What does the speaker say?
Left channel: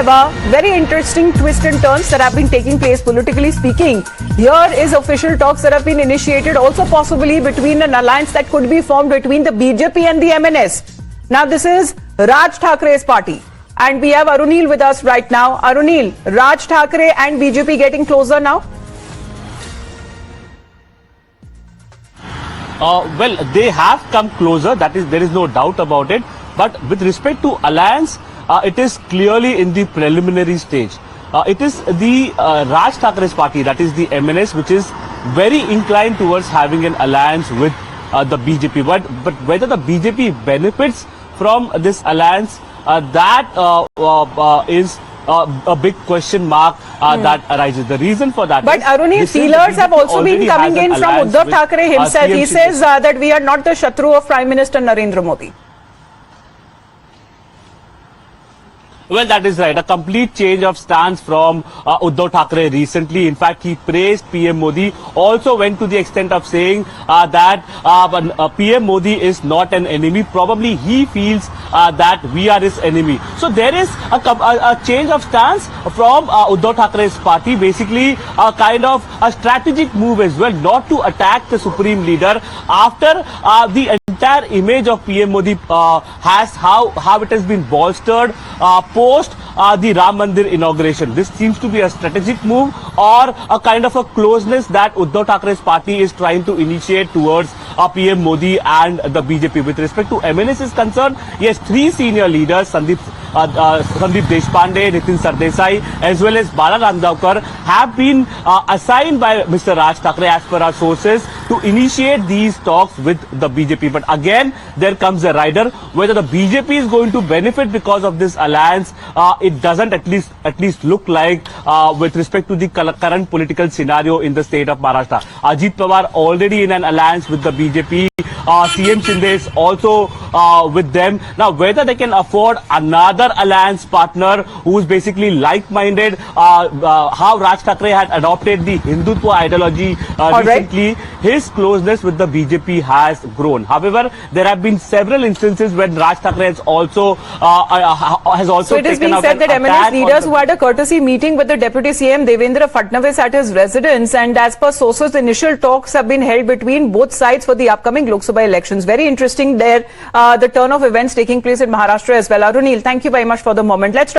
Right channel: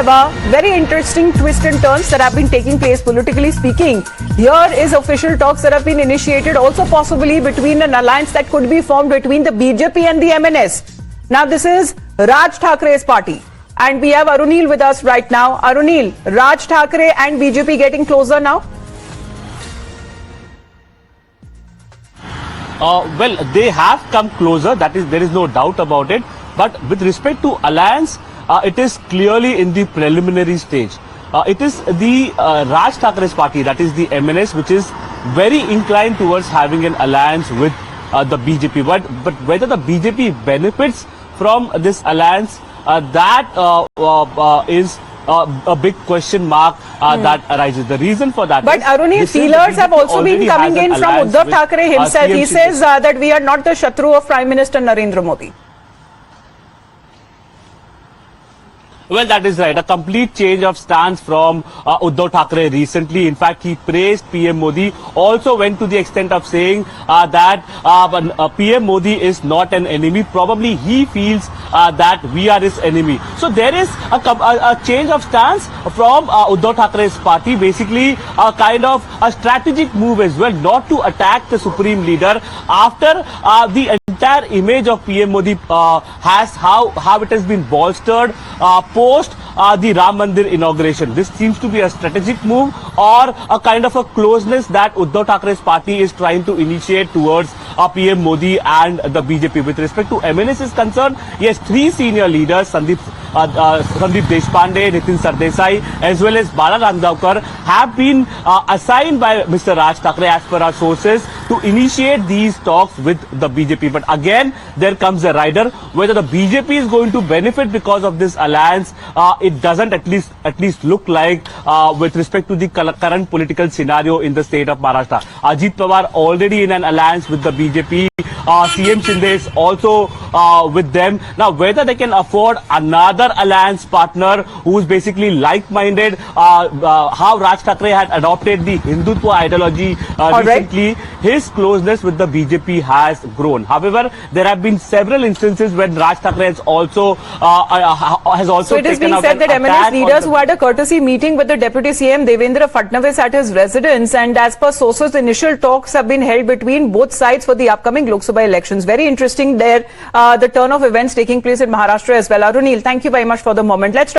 However, very interesting twists and turns that have been taking place politically speaking. Here is official talks that have been initiated, also possibly between an alliance that could be formed between the BJP and the MNS. Now, this is Raj Thackeray's party. And we have Arunil with us right now. Arunil, Raj Thackeray and BJP getting closer now? Well, they have come closer. There is no doubt about it. But with respect to alliance, it is clearly in the preliminary stage. It is the Raj Thackeray's party, that is the MNS, which is very inclined towards having an alliance with the BJP. But whether the BJP benefits from this alliance, that is a big question mark that arises. The reason for that. But Arunil, feelers have also been coming in from Uddhav Thackeray himself. He says that we are not the Shatru of Prime Minister Narendra Modi. Well, that is right. A complete change of stance from Uddhav Thackeray recently. In fact, he praised PM Modi, also went to the extent of saying that PM Modi is not an enemy. Probably he feels that we are his enemy. So there is a change of stance from Uddhav Thackeray's party, basically a kind of a strategic move as well, not to attack the supreme leader after the entire image of PM Modi has how it has been bolstered post the Ram Mandir inauguration. This seems to be a strategic move or a kind of a closeness that Uddhav Thackeray's party is trying to initiate towards PM Modi and the BJP. With respect to MNS is concerned, yes, three senior leaders, Sandeep Deshpande, Nitin Sardesai, as well as Bala Ramdavkar, have been assigned by Mr. Raj Thackeray, as per our sources, to initiate these talks with the BJP. But again, there comes a rider. Whether the BJP is going to benefit because of this alliance, it doesn't at least look like with respect to the current political scenario in the state of Maharashtra. Ajit Pawar already in an alliance with the BJP. CM Shinde is also with them. Now, whether they can afford another alliance partner who is basically like-minded, how Raj Thackeray had adopted the Hindutva ideology recently, his closeness with the BJP has grown. However, there have been several instances when Raj Thackeray has also So it is being said that MNS leaders who had a courtesy meeting with the Deputy CM Devendra Fadnavis at his residence, and as per sources, initial talks have been held between both sides for the upcoming Lok Sabha elections. Very interesting there, the turn of events taking place in Maharashtra as well. Arunil, thank you very much for the moment. Let's